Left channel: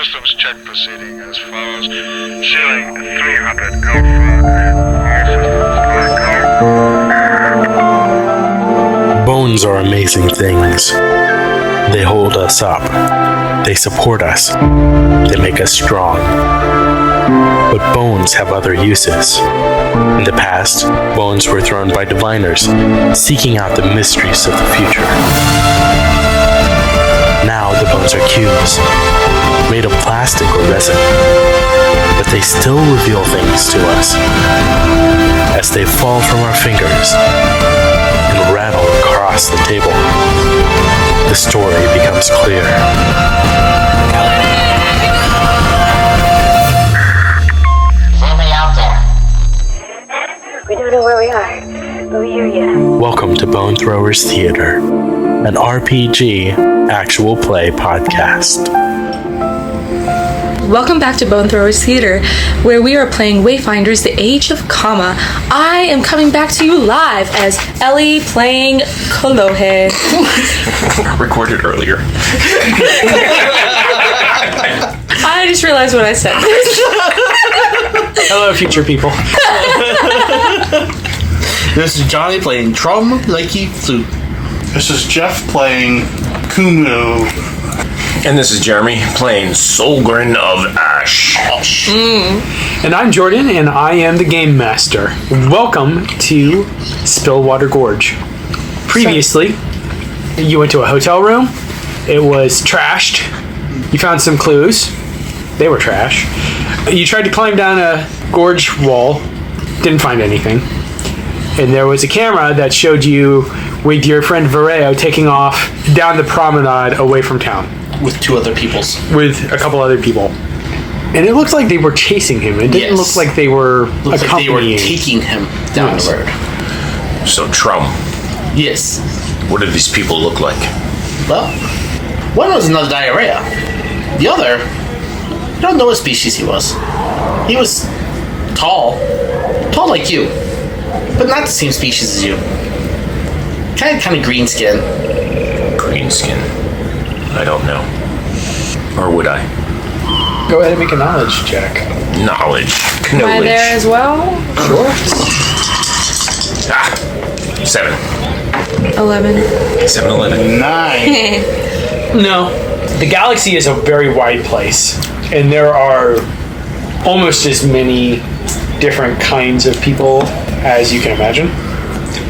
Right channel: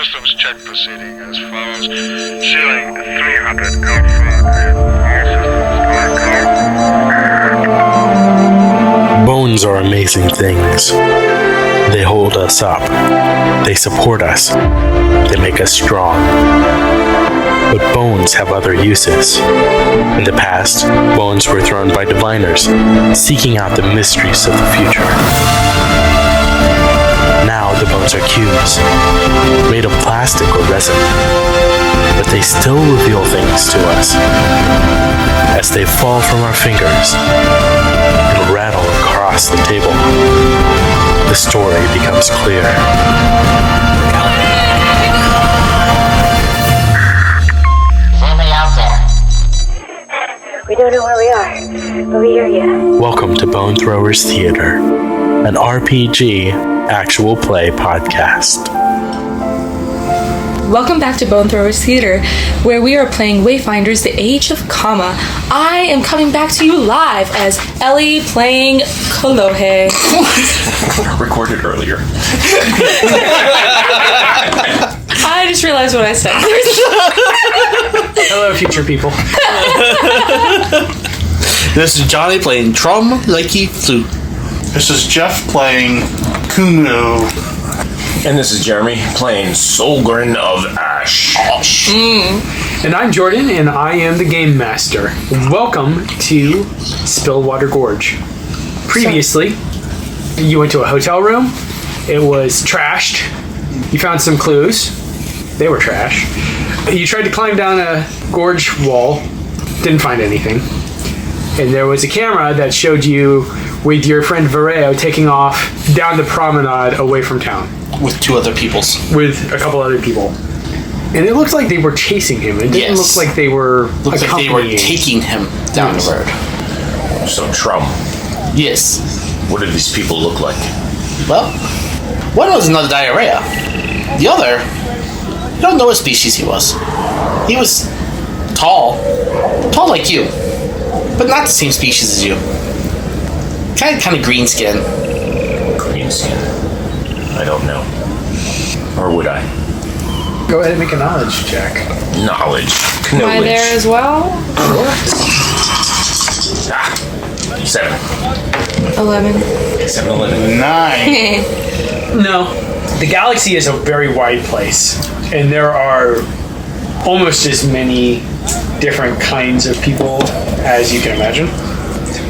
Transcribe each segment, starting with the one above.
systems check proceeding as follows. Ceiling 300 Alpha. All systems are go. Bones are amazing things. They hold us up. They support us. They make us strong. But bones have other uses. In the past, bones were thrown by diviners, seeking out the mysteries of the future. Now the bones are cubes, made of plastic or resin. But they still reveal things to us. As they fall from our fingers and rattle across the table, the story becomes clear. We don't know where we are, but we hear you. Welcome to Bone Throwers Theater, an RPG actual play podcast. Welcome back to Bone Throwers Theater, where we are playing Wayfinders, The Age of Kama. I am coming back to you live as Ellie playing Kolohe. Recorded earlier. I just realized what I said. Hello, future people. This is Johnny playing Trum, Likey, flute. This is Jeff playing Kumu. And this is Jeremy playing Solgrin of Ash. And I'm Jordan, and I am the Game Master. Welcome to Spillwater Gorge. Previously, you went to a hotel room. It was trashed. You found some clues. They were trash. You tried to climb down a gorge wall. Didn't find anything. And there was a camera that showed you with your friend Vireo taking off down the promenade away from town. With two other peoples. With a couple other people. And it looked like they were chasing him. It didn't look like they were Looked like they were accompanying. taking him down the road. So, Trum, Yes. what do these people look like? Well, one was another diarrhea. The other, I don't know what species he was. He was tall. Tall like you. But not the same species as you. Kind of green skin. Green skin. I don't know. Or would I? Go ahead and make a knowledge check. Knowledge. Am I there as well? 7. 11. 7-11. 9. No. The galaxy is a very wide place, and there are almost as many different kinds of people as you can imagine.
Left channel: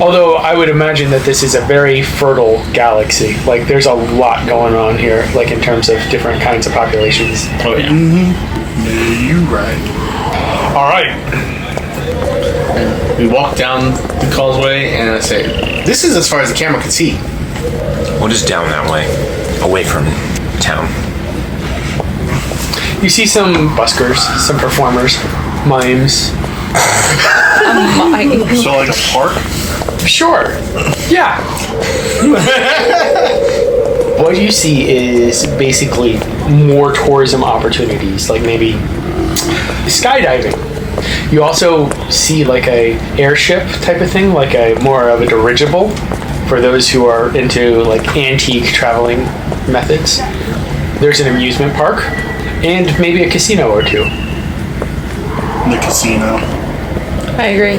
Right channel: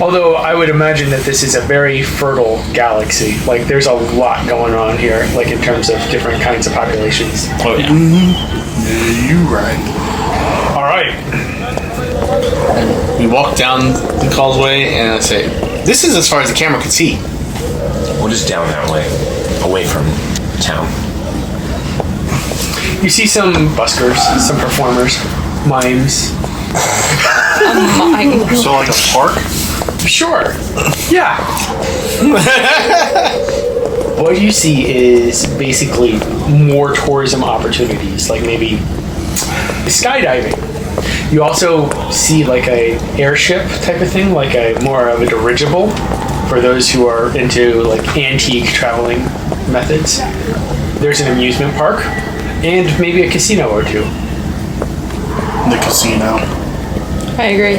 Although I would imagine that this is a very fertile galaxy. Like, there's a lot going on here, like in terms of different kinds of populations. Oh, yeah. Yeah, you right. All right. We walk down the causeway, and I say, this is as far as the camera could see. What is down that way? Away from town. You see some buskers, some performers, mimes. So like a park? Sure. Yeah. What you see is basically more tourism opportunities, like maybe skydiving. You also see like a airship type of thing, like a more of a dirigible for those who are into like antique traveling methods. There's an amusement park and maybe a casino or two. The casino. I agree.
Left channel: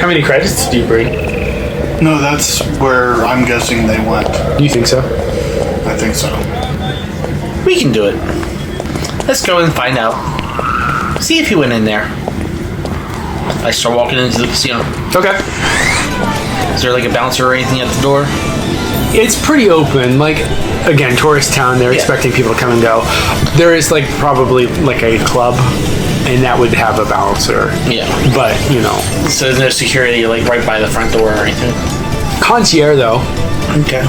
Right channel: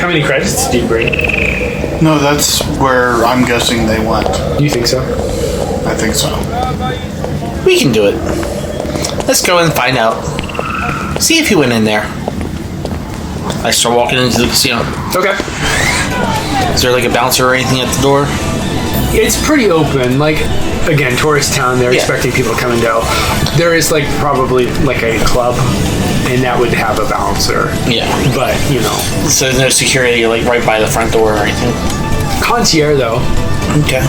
How many credits do you bring? No, that's where I'm guessing they went. Do you think so? I think so. We can do it. Let's go and find out. See if he went in there. I start walking into the casino. Okay. Is there like a bouncer or anything at the door? It's pretty open. Like, again, tourist town, they're expecting people to come and go. There is like probably like a club, and that would have a bouncer. Yeah. But, you know. So there's no security like right by the front door or anything? Concierge, though. Okay.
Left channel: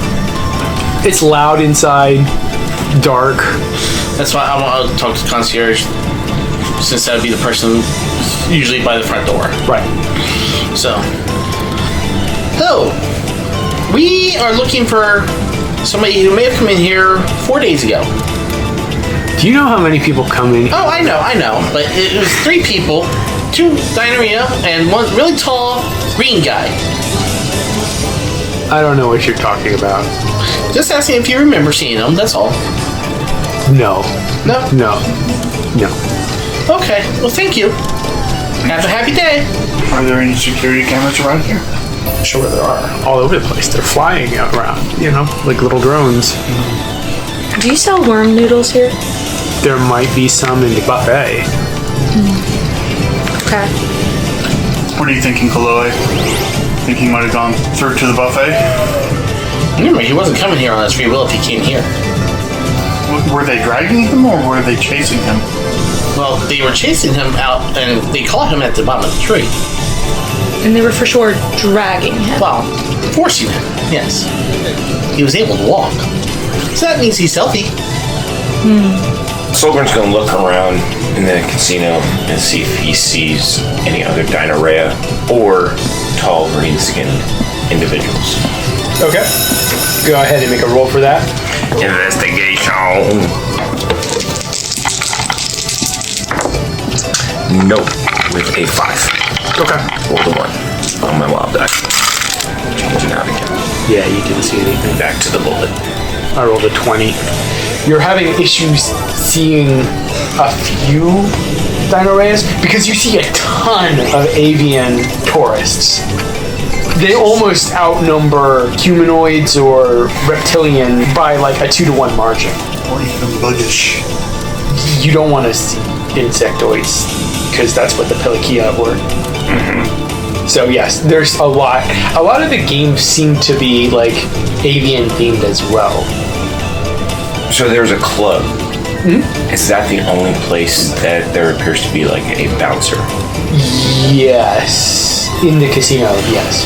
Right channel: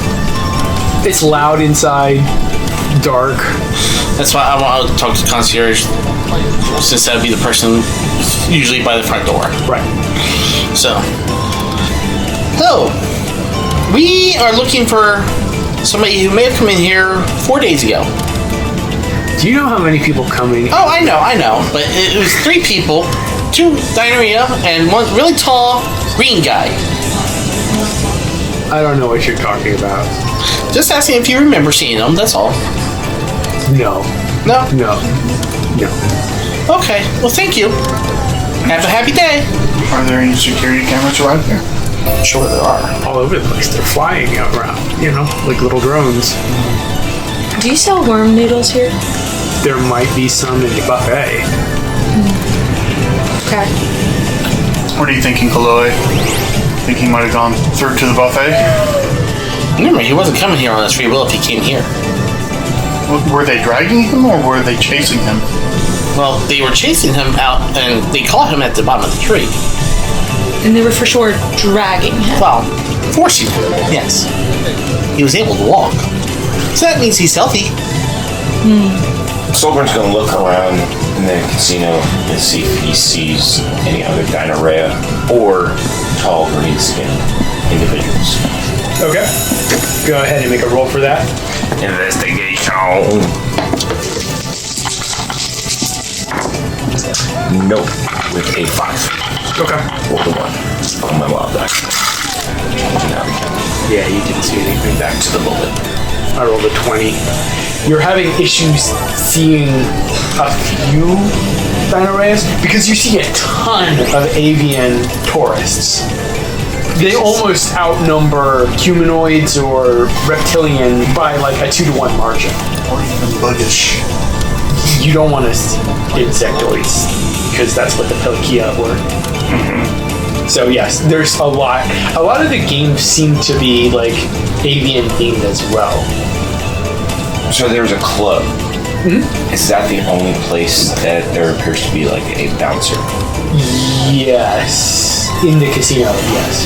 It's loud inside, dark. That's why I want to talk to the concierge, since that would be the person usually by the front door. Right. So, hello. We are looking for somebody who may have come in here 4 days ago. Do you know how many people come in? Oh, I know. But it was 3 people, 2 diarrhea, and 1 really tall green guy. I don't know what you're talking about. Just asking if you remember seeing them, that's all. No. No? No. Okay. Well, thank you. Have a happy day. Are there any security cameras around here? Sure there are. All over the place. They're flying out around, like little drones. Do you sell worm noodles here? There might be some in the buffet. Okay. What are you thinking, Kolohe? Think he might have gone through to the buffet? Remember, he wasn't coming here on his free will if he came here. Were they dragging him or were they chasing him? Well, they were chasing him out, and they caught him at the bottom of the tree. And they were for sure dragging him. Well, forcing him, yes. He was able to walk. So that means he's healthy. Solgrin's going to look around in the casino and see if he sees any other Dinorrhea or tall green-skinned individuals. Okay. Go ahead and make a roll for that. Investigation. Nope. With a 5. Okay. Roll the 1 on my wild die. Yeah, you didn't see anything. Back to the bullet. I rolled a 20. You're having issues seeing a few Dinorrheas because you see a ton of avian tourists. They almost outnumber humanoids or reptilian by like a 2-to-1 margin. Or even buggish? You don't want to insectoids because that's what the Pelikia were. So yes, there's a lot. A lot of the games seem to be like avian themed as well. So there's a club. Is that the only place that there appears to be like a bouncer? Yes, in the casino. Yes,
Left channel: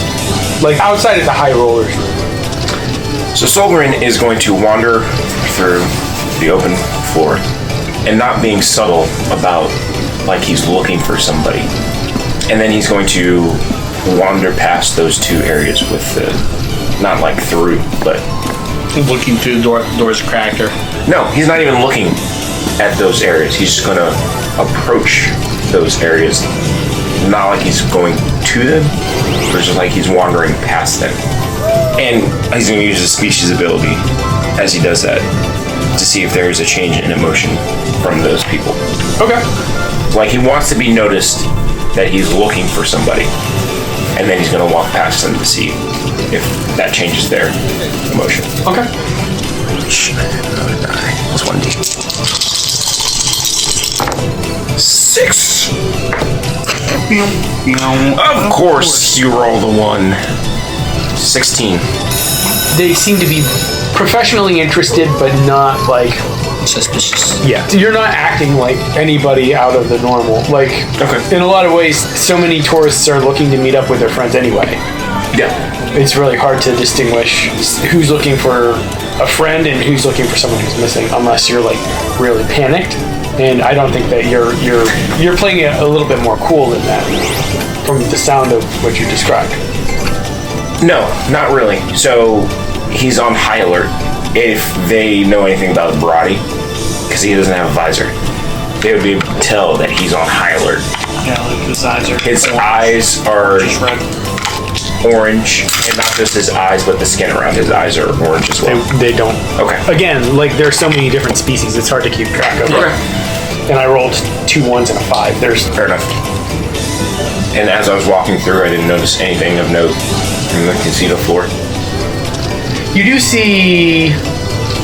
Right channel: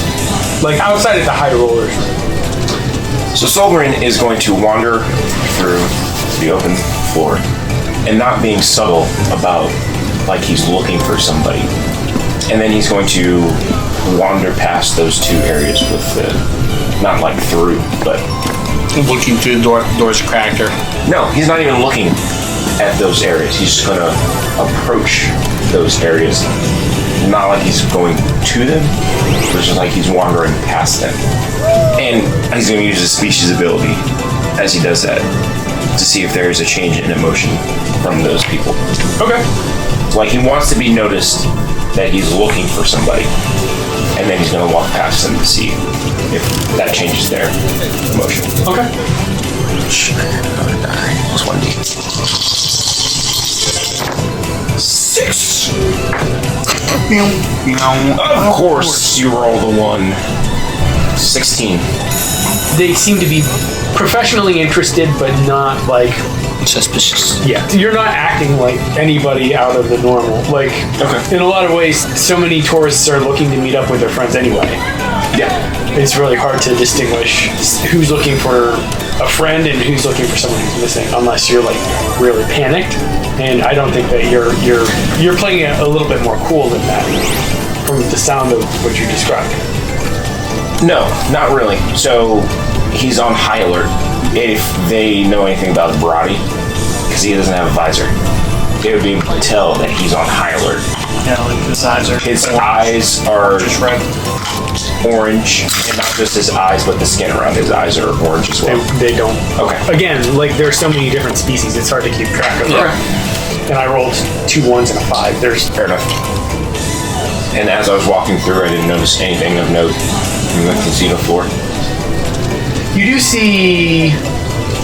like outside of the high rollers. So Solgrin is going to wander through the open floor and not being subtle about like he's looking for somebody. And then he's going to wander past those 2 areas with the, not like through, but... Looking through the doors cracked or... No, he's not even looking at those areas. He's just going to approach those areas. Not like he's going to them, but just like he's wandering past them. And he's going to use his species ability as he does that to see if there is a change in emotion from those people. Okay. Like he wants to be noticed that he's looking for somebody, and then he's going to walk past them to see if that changes their emotion. Okay. Another die. Plus 1d. 6. Of course, you roll the 1. 16. They seem to be professionally interested, but not like Suspicious. Yeah, you're not acting like anybody out of the normal. Like, in a lot of ways, so many tourists are looking to meet up with their friends anyway. Yeah. It's really hard to distinguish who's looking for a friend and who's looking for someone who's missing, unless you're like really panicked. And I don't think that you're playing it a little bit more cool than that from the sound of what you described. No, not really. So he's on high alert. If they know anything about Brody, because he doesn't have a visor, they would be able to tell that he's on high alert. Yeah, like his eyes are... His eyes are just red. Orange, and not just his eyes, but the skin around his eyes are orange as well. They don't. Okay. Again, like there's so many different species, it's hard to keep track of. Okay. And I rolled 2 1s and a 5. There's Fair enough. And as I was walking through, I didn't notice anything of note from the casino floor. You do see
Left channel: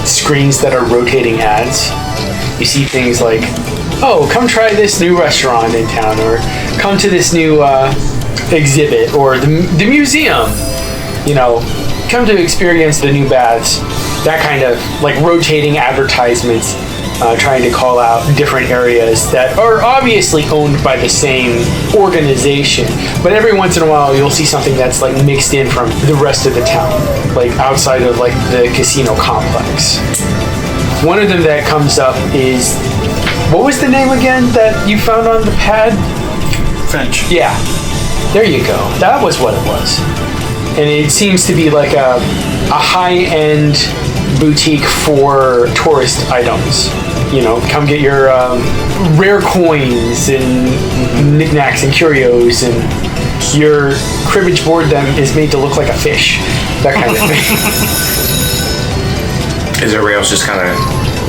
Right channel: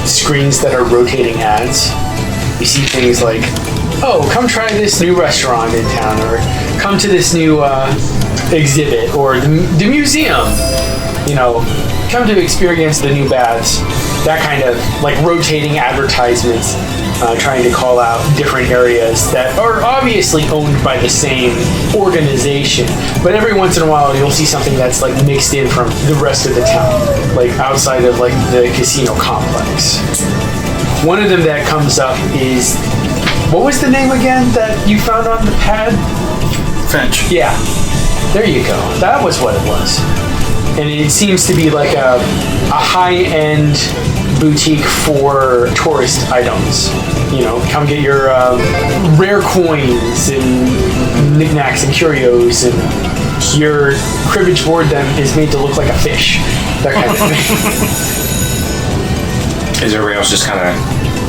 screens that are rotating ads. You see things like, oh, come try this new restaurant in town, or come to this new exhibit, or the museum. You know, come to experience the new baths. That kind of like rotating advertisements, trying to call out different areas that are obviously owned by the same organization. But every once in a while, you'll see something that's like mixed in from the rest of the town, like outside of like the casino complex. One of them that comes up is, what was the name again that you found on the pad? Finch. Yeah, there you go. That was what it was. And it seems to be like a high-end boutique for tourist items. You know, come get your rare coins and knickknacks and curios, and your cribbage board that is made to look like a fish. That kind of thing. Is everybody else just kind of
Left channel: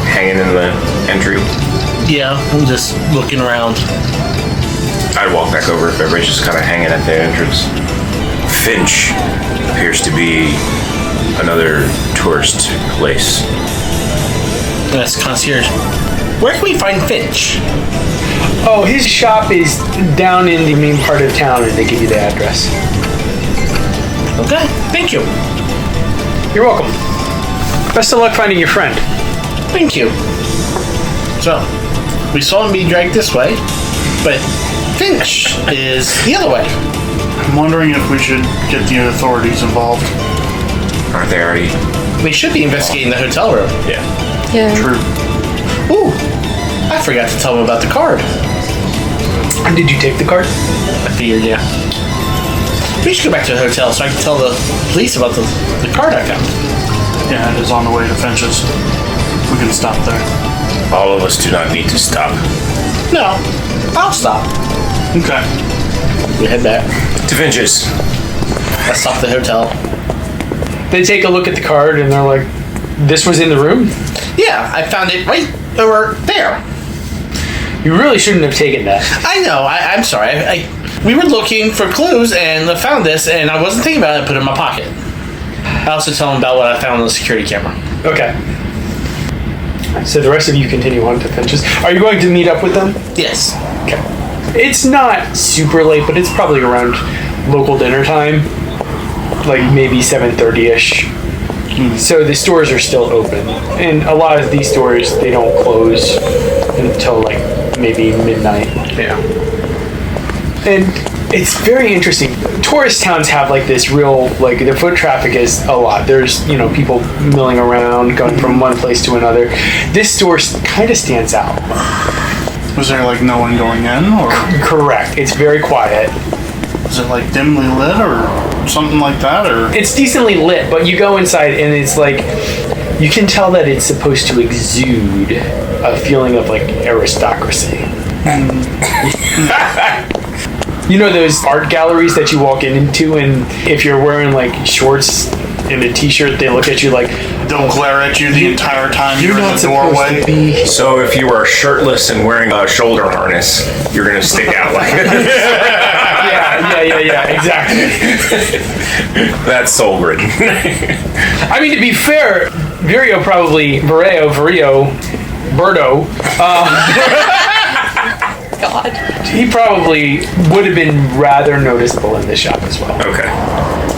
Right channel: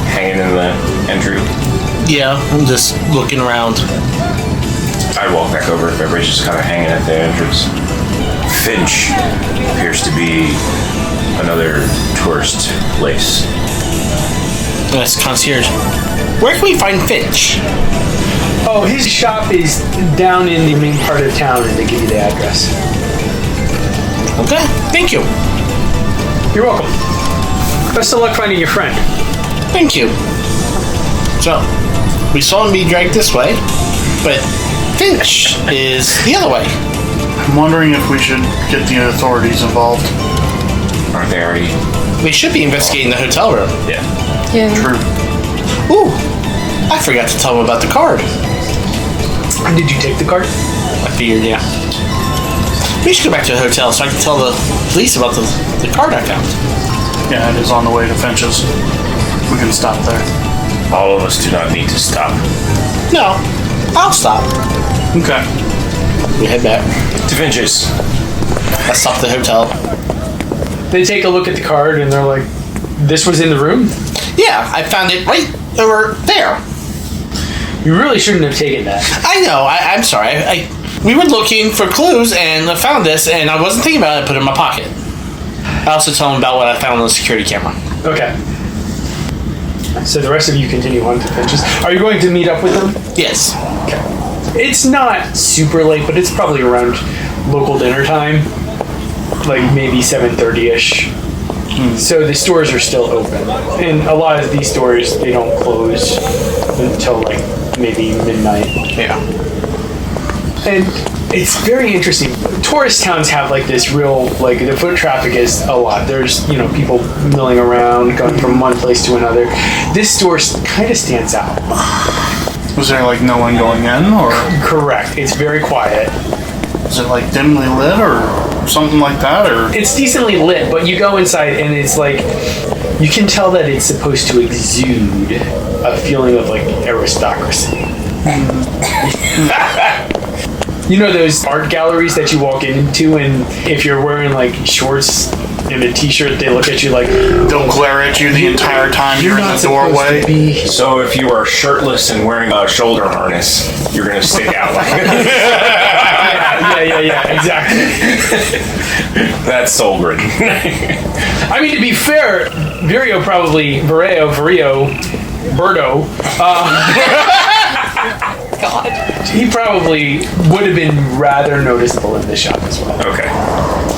hanging in the entry? Yeah, I'm just looking around. I'd walk back over if everybody's just kind of hanging at the entrance. Finch appears to be another tourist place. That's concierge. Where can we find Finch? Oh, his shop is down in the main part of town, and they give you the address. Okay, thank you. You're welcome. Best of luck finding your friend. Thank you. So, we saw him be dragged this way, but Finch is the other way. I'm wondering if we should get the authorities involved. Aren't they already? They should be investigating the hotel room. Yeah. Yeah. True. Ooh, I forgot to tell him about the card. Did you take the card? I figured, yeah. We should go back to the hotel so I can tell the police about the card I found. Yeah, it is on the way to Finch's. We can stop there. All of us do not need to stop. No, I'll stop. Okay. We head back. To Finch's. Let's stop the hotel. They take a look at the card, and they're like, this was in the room? Yeah, I found it right over there. You really shouldn't have taken that. I know, I'm sorry. We were looking for clues and I found this and I wasn't thinking about it, I put it in my pocket. I also tell him about what I found on the security camera. Okay. So the rest of you continue on to Finch's. Are you going to meet up with them? Yes. Okay. It's not super late, but it's probably around local dinner time. Like maybe 7:30ish. So the stores are still open. And a lot of these stores, they don't close until like maybe midnight. Yeah. And it's very interesting. Tourist towns have like this real, like the foot traffic is a lot. There's, people milling around, going from one place to another. This store kind of stands out. Was there like no one going in, or Correct. It's very quiet. is it like dimly lit or something like that, or? It's decently lit, but you go inside and it's like, you can tell that it's supposed to exude a feeling of like aristocracy. You know those art galleries that you walk into, and if you're wearing like shorts and a t-shirt, they look at you like, They'll glare at you the entire time you're in not the supposed doorway. to be. So if you are shirtless and wearing a shoulder harness, you're going to stick out like Yeah, exactly. That's Solgrin. I mean, to be fair, Vireo, Birdo, God. he probably would have been rather noticeable in this shop as well. Okay.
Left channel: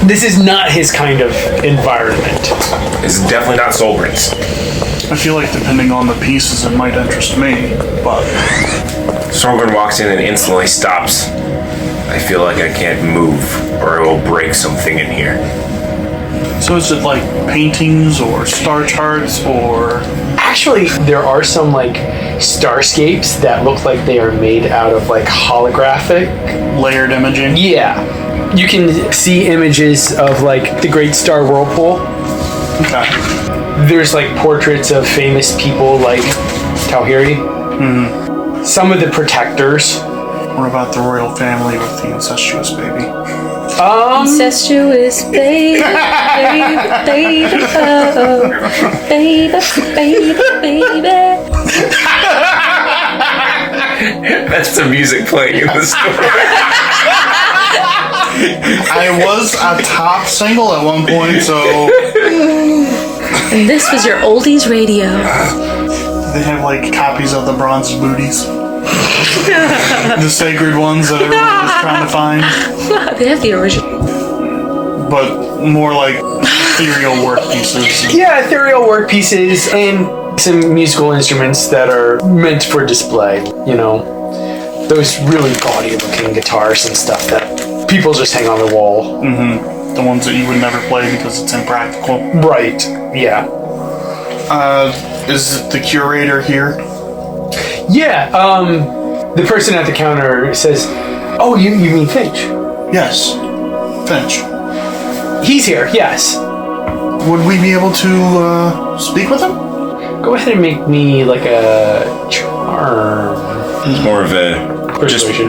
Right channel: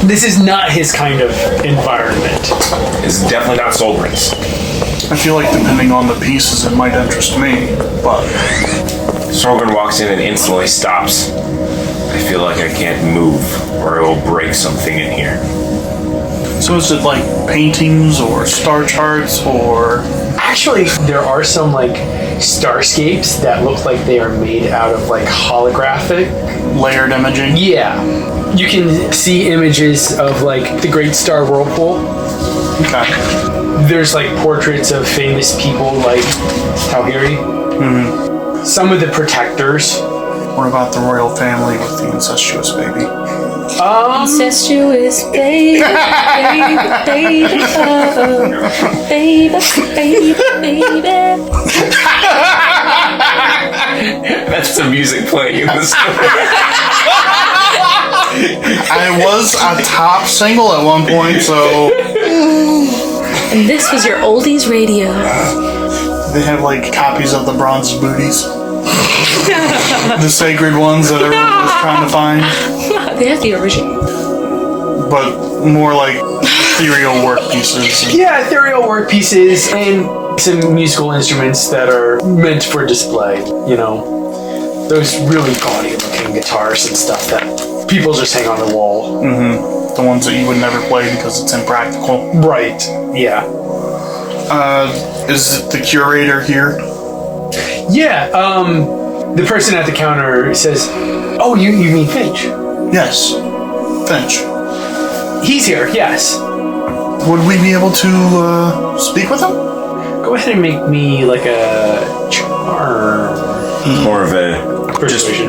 This is not his kind of environment. It's definitely not Solgrin's. I feel like depending on the pieces, it might interest me, but Solgrin walks in and instantly stops. I feel like I can't move or it will break something in here. so is it like paintings or star charts or? Actually, there are some like starscapes that look like they are made out of like holographic. Layered imaging? Yeah. You can see images of like the Great Star Whirlpool. Okay. There's like portraits of famous people like Talhiri. Some of the protectors. What about the royal family with the incestuous baby? Incestuous baby, baby, oh, baby. That's the music playing in the store. I was a top single at one point, so And this was your oldies radio. they have like copies of the bronze booties. The sacred ones that everyone was trying to find. They have the original. But more like ethereal work pieces. Yeah, ethereal work pieces and some musical instruments that are meant for display. Those really gaudy looking guitars and stuff that people just hang on the wall. The ones that you would never play because it's impractical. Right. Yeah. Is it the curator here? Yeah. The person at the counter says, "Oh, you mean Finch? Yes. Finch. He's here. Yes. Would we be able to speak with him? Go ahead and make me like a charm." More of a Persuasion.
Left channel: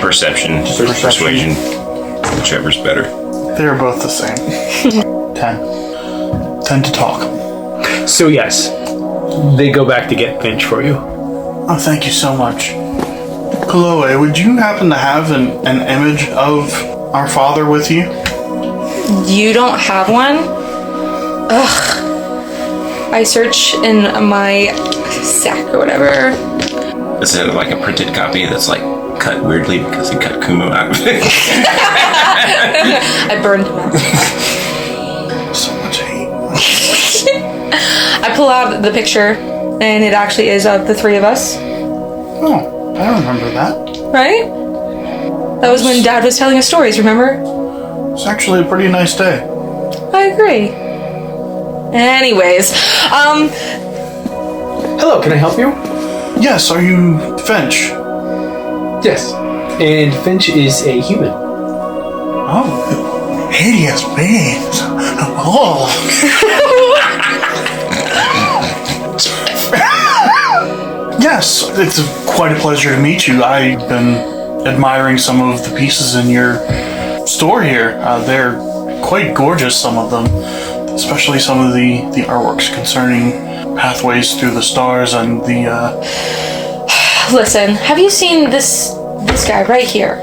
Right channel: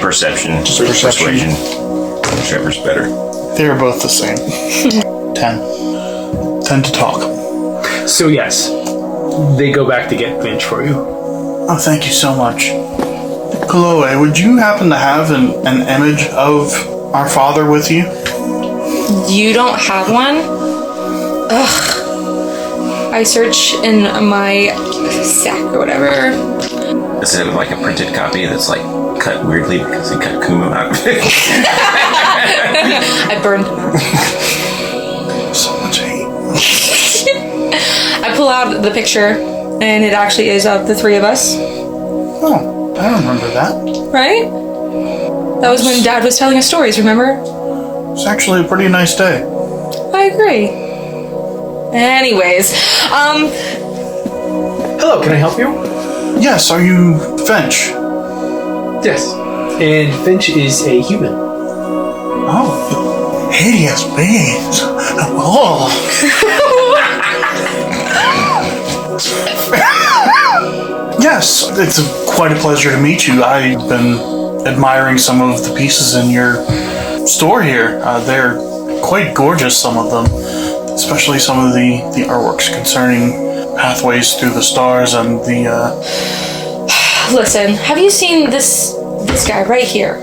perception, persuasion, whichever's better. They're both the same. 10. 10 to talk. So yes, they go back to get Finch for you. Oh, thank you so much. Kolohe, would you happen to have an image of our father with you? You don't have one? Ugh. I search in my sack or whatever. Is it like a printed copy that's like cut weirdly because he cut Kumu out of it? I burned them out. So much hate. I pull out the picture, and it actually is of the three of us. Oh, I remember that. Right? That was when Dad was telling us stories, remember? It's actually a pretty nice day. I agree. Anyways, Hello, can I help you? Yes, are you Finch? Yes. And Finch is a human. Oh, hideous beings. Oh. Yes, it's quite a pleasure to meet you. I've been admiring some of the pieces in your store here. They're quite gorgeous, some of them, especially some of the artworks concerning pathways through the stars and the... listen, have you seen this guy right here?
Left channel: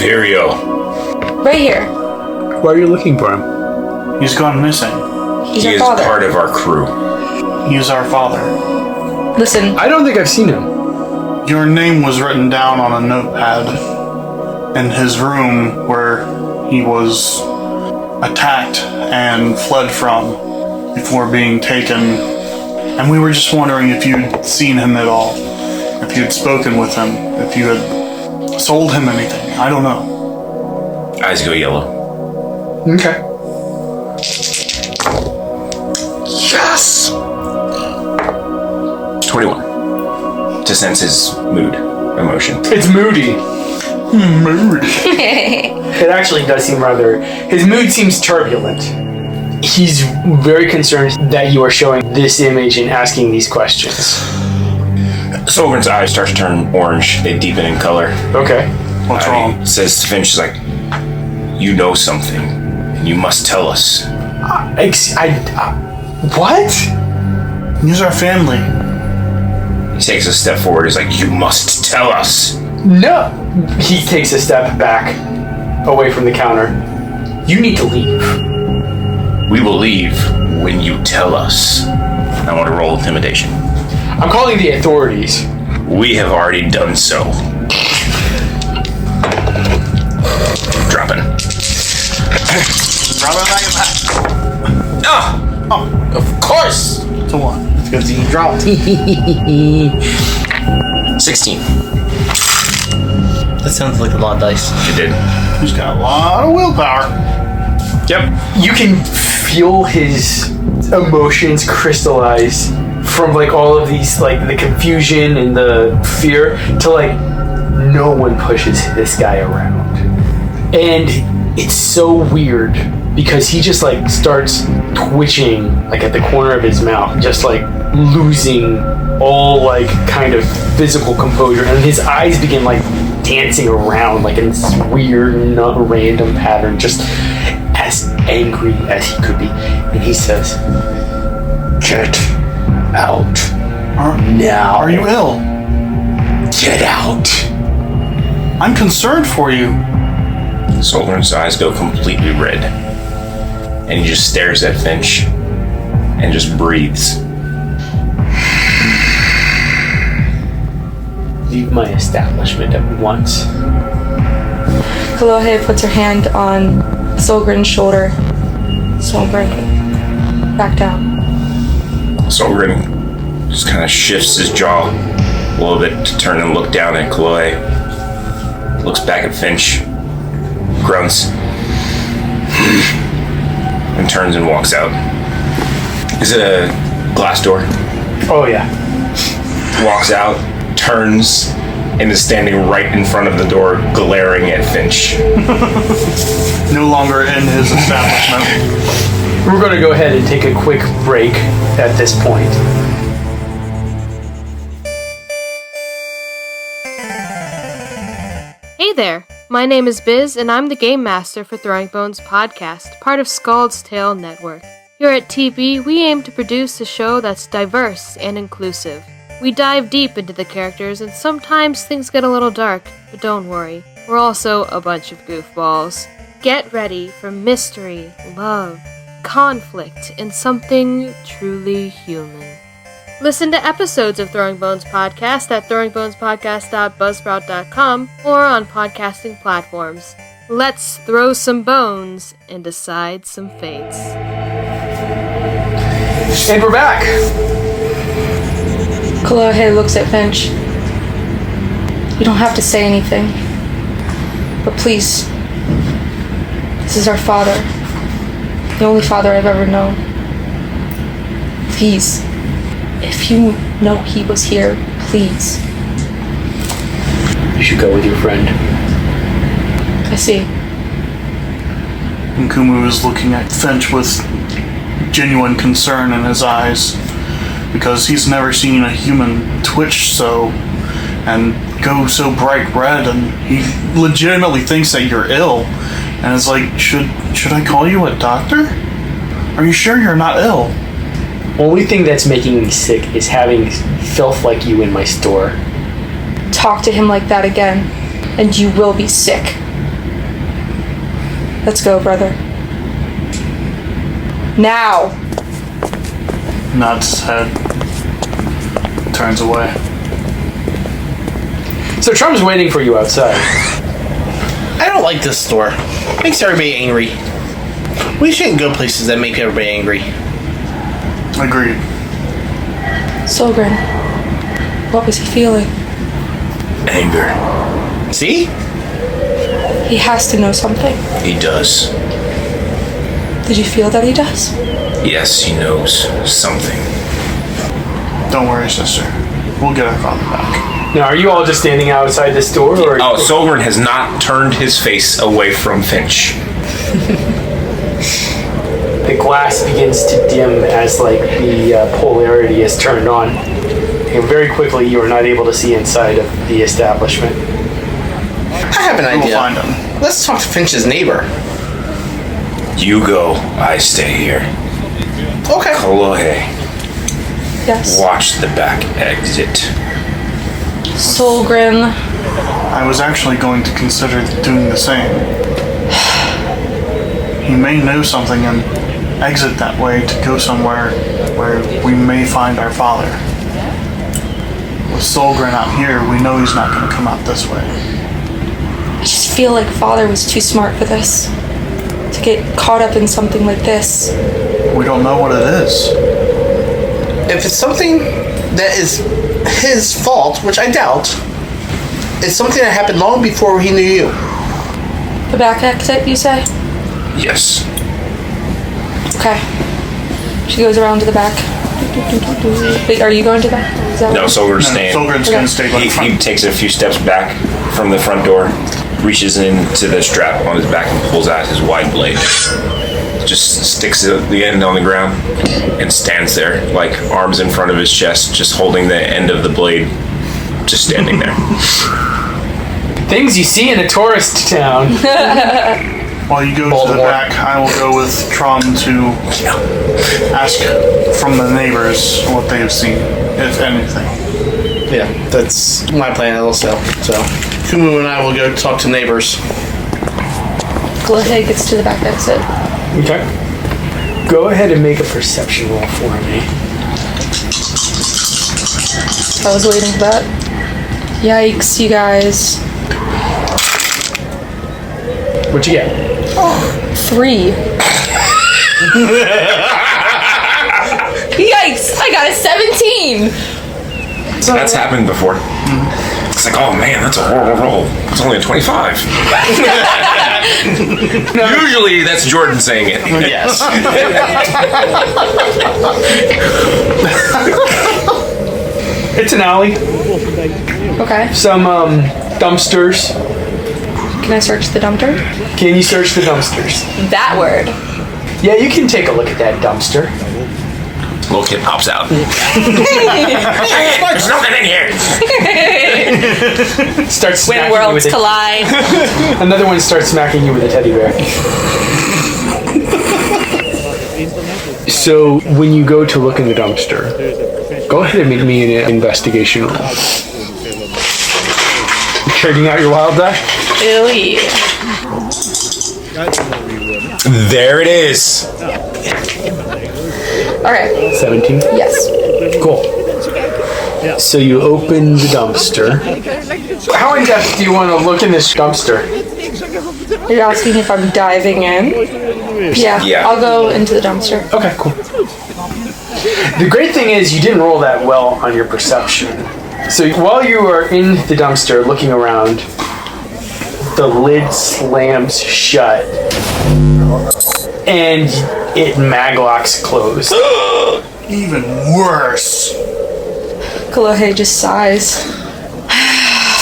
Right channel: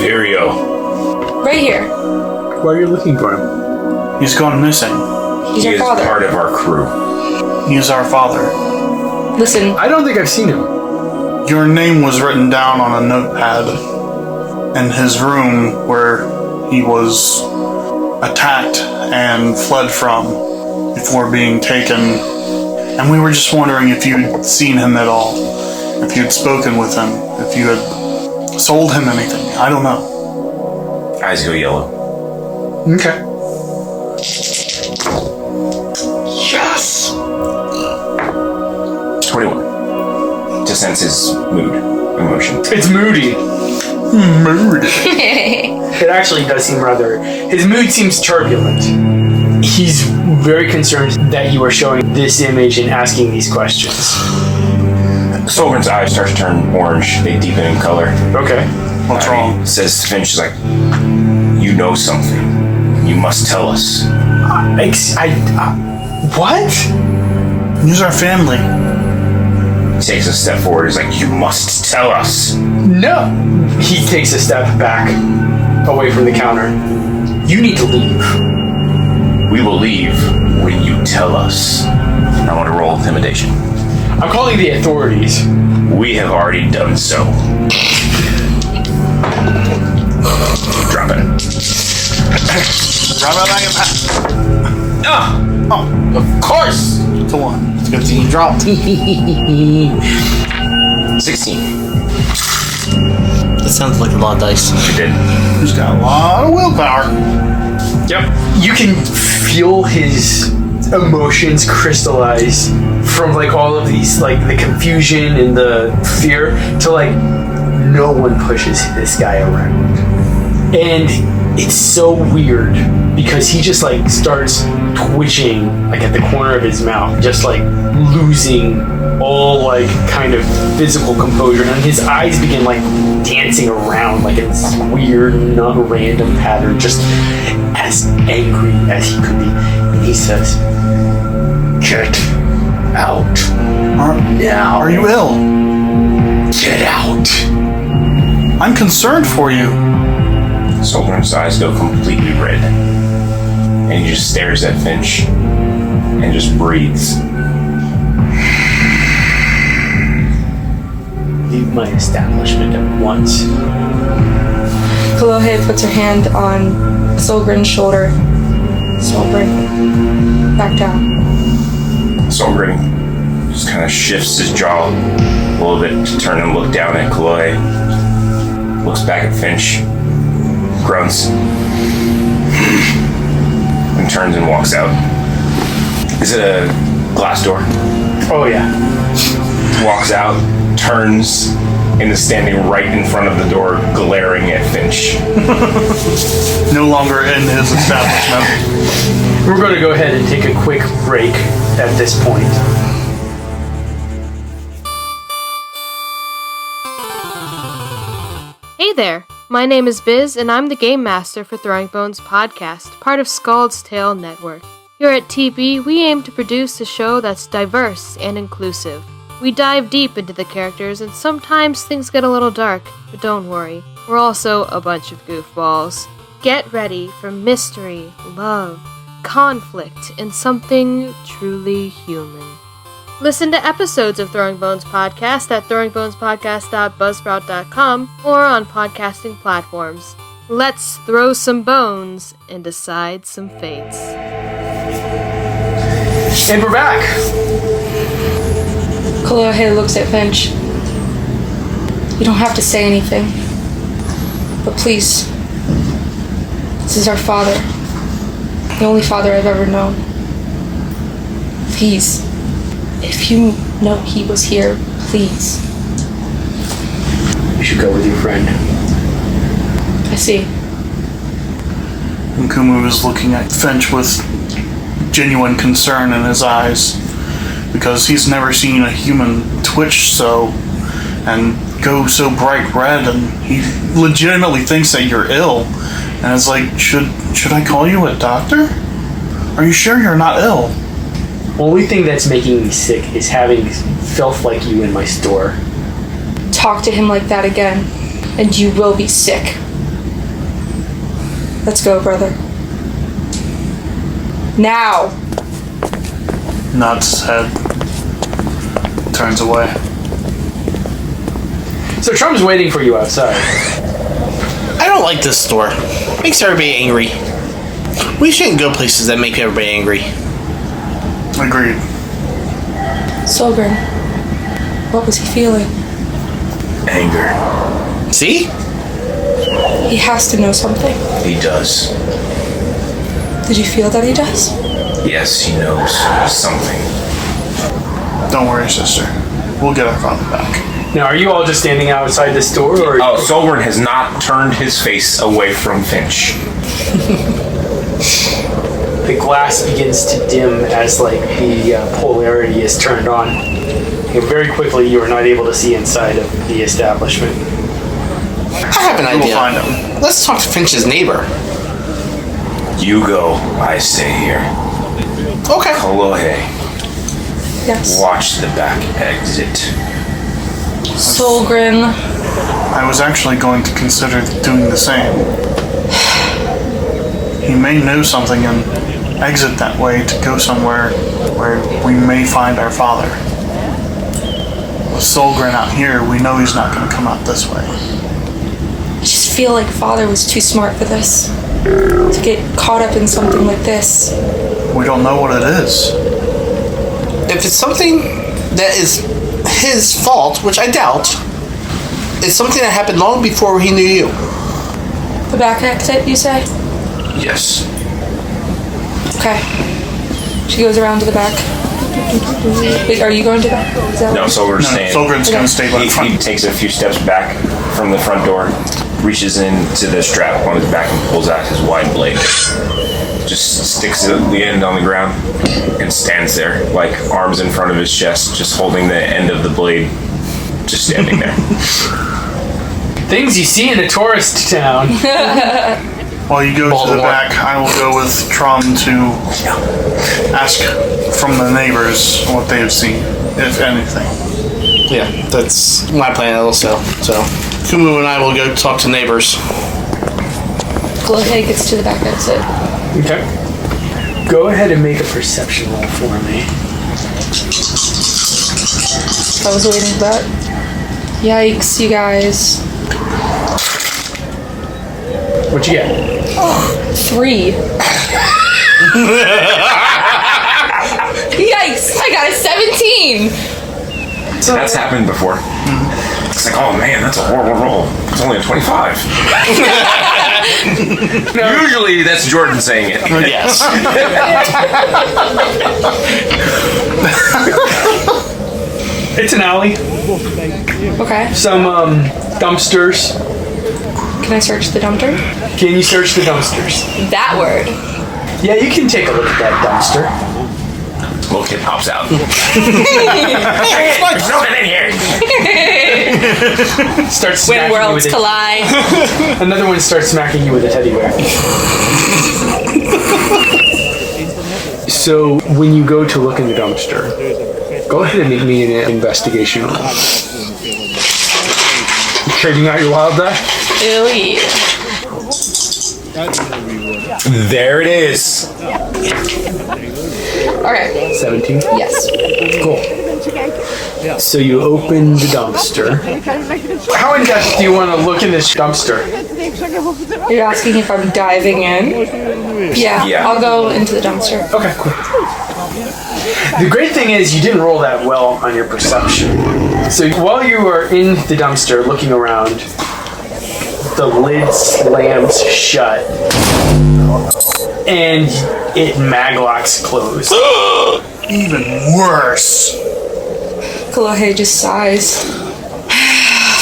Vireo. Right here. Why are you looking for him? He's gone missing. He's He our is father. part of our crew. He is our father. Listen, I don't think I've seen him. Your name was written down on a notepad in his room where he was attacked and fled from before being taken. And we were just wondering if you'd seen him at all, if you'd spoken with him, if you had sold him anything. I don't know. Eyes go yellow. Okay. Yes! 21. To sense his mood, emotion. It's moody. Mood. It actually does seem rather... His mood seems turbulent. He's very concerned that you are showing this image and asking these questions. Solgrin's eyes start to turn orange. They deepen in color. Okay. What's wrong? He says to Finch, like, you know something. You must tell us. What? He's our family. He takes a step forward. He's like, you must tell us. No. He takes a step back, away from the counter. You need to leave. We will leave when you tell us. I want to roll intimidation. I'm calling the authorities. We have already done so. Drop it. Drop it back and back. Ah! Oh, Of course! it's a 1. It's good thing you dropped. 16. That sounds like a lot of dice. You did. He's got a lot of willpower. Yep. You can feel his emotions crystallize from like all of these, like the confusion and the fear to like no one pushes this guy around. And it's so weird because he just like starts twitching like at the corner of his mouth, just like losing all like kind of physical composure, and his eyes begin like dancing around like in this weird, not random pattern, just as angry as he could be. And he says, "Get out now. Are you ill? Get out." I'm concerned for you. Solgrin's eyes go completely red. And he just stares at Finch and just breathes. Leave my establishment at once. Kolohe puts her hand on Solgrin's shoulder. Solgrin, back down. Solgrin just kind of shifts his jaw a little bit to turn and look down at Kolohe. Looks back at Finch. Grunts. And turns and walks out. Is it a glass door? Oh yeah. Walks out, turns, and is standing right in front of the door, glaring at Finch. No longer in his establishment. We're going to go ahead and take a quick break at this point. Hey there, my name is Biz, and I'm the Game Master for Throwing Bones Podcast, part of Scald's Tale Network. Here at TB, we aim to produce a show that's diverse and inclusive. We dive deep into the characters, and sometimes things get a little dark, but don't worry, we're also a bunch of goofballs. Get ready for mystery, love, conflict, and something truly human. Listen to episodes of Throwing Bones Podcast at throwingbonespodcast.buzzsprout.com or on podcasting platforms. Let's throw some bones and decide some fates. And we're back. Kolohe looks at Finch. You don't have to say anything. But please, this is our father. The only father I've ever known. Please, if you know he was here, please. You should go with your friend. I see. And Kumu is looking at Finch with genuine concern in his eyes, because he's never seen a human twitch so and go so bright red, and he legitimately thinks that you're ill, and is like, should I call you a doctor? Are you sure you're not ill? Only thing that's making me sick is having filth like you in my store. Talk to him like that again, and you will be sick. Let's go, brother. Now! Nods his head. Turns away. So Trum's waiting for you outside. I don't like this store. Makes everybody angry. We shouldn't go places that make everybody angry. Agreed. Solgrin, what was he feeling? Anger. See? He has to know something. He does. Did you feel that he does? Yes, he knows something. Don't worry, sister. We'll get our father back. Now, are you all just standing outside this door? Or Solgrin has not turned his face away from Finch. The glass begins to dim as the polarity is turned on. And very quickly you are not able to see inside of the establishment. I have an We'll idea. find him. Let's talk to Finch's neighbor. You go, I stay here. Okay. Kolohe, Yes. watch the back exit. Solgrin. I was actually going to consider doing the same. He may know something and exit that way to go somewhere where we may find our father. With Solgrin out here, we know he's not going to come out this way. I just feel like father was too smart for this. To get caught up in something like this. We don't know what it is. If it's something that is his fault, which I doubt, it's something that happened long before he knew you. The back exit, you say? Yes. Okay. She goes around to the back. Wait, are you going to the back? Is that No, what- Solgrin's staying. Solgrin's going to stay by the He front. takes a few steps back from the front door, reaches into the strap on his back and pulls out his wide blade. Just sticks the end on the ground and stands there, arms in front of his chest, just holding the end of the blade, just standing there. Things you see in a tourist town. While you go to the Baltimore. back, I will go with Trum to ask from the neighbors what they have seen, if anything. Yeah, that's my plan also. So, Kumu and I will go talk to neighbors. Kolohe gets to the back exit. Okay. Go ahead and make a perception roll for me. I was waiting for that. Yikes, you guys. What you get? 3. Yikes! I got a 17! That's happened before. It's like, oh man, that's a horrible roll. It's only a 25. Usually that's Jordan saying it. Yes. It's an alley. Okay. Some dumpsters. Can I search the dumpster? Can you search the dumpsters? That word. Yeah, you can take a look at that dumpster. Little kid pops out. There's nothing in here. Starts When smacking you worlds with a, collide. another one starts smacking you with a teddy bear. So when you go to look in the dumpster, go ahead and make me an investigation roll. Trading out your wild die? Ellie. There it is. Okay. 17? Yes. Cool. So you open the dumpster. How in depth do you want to look in this dumpster? Are you asking if I'm diving in? Yeah. I'll go into the dumpster. Okay, cool. The great thing is you didn't roll that well on your perception. So while you are in the dumpster looking around, the lid slams shut and it maglocks closed. Even worse. Kolohe just sighs.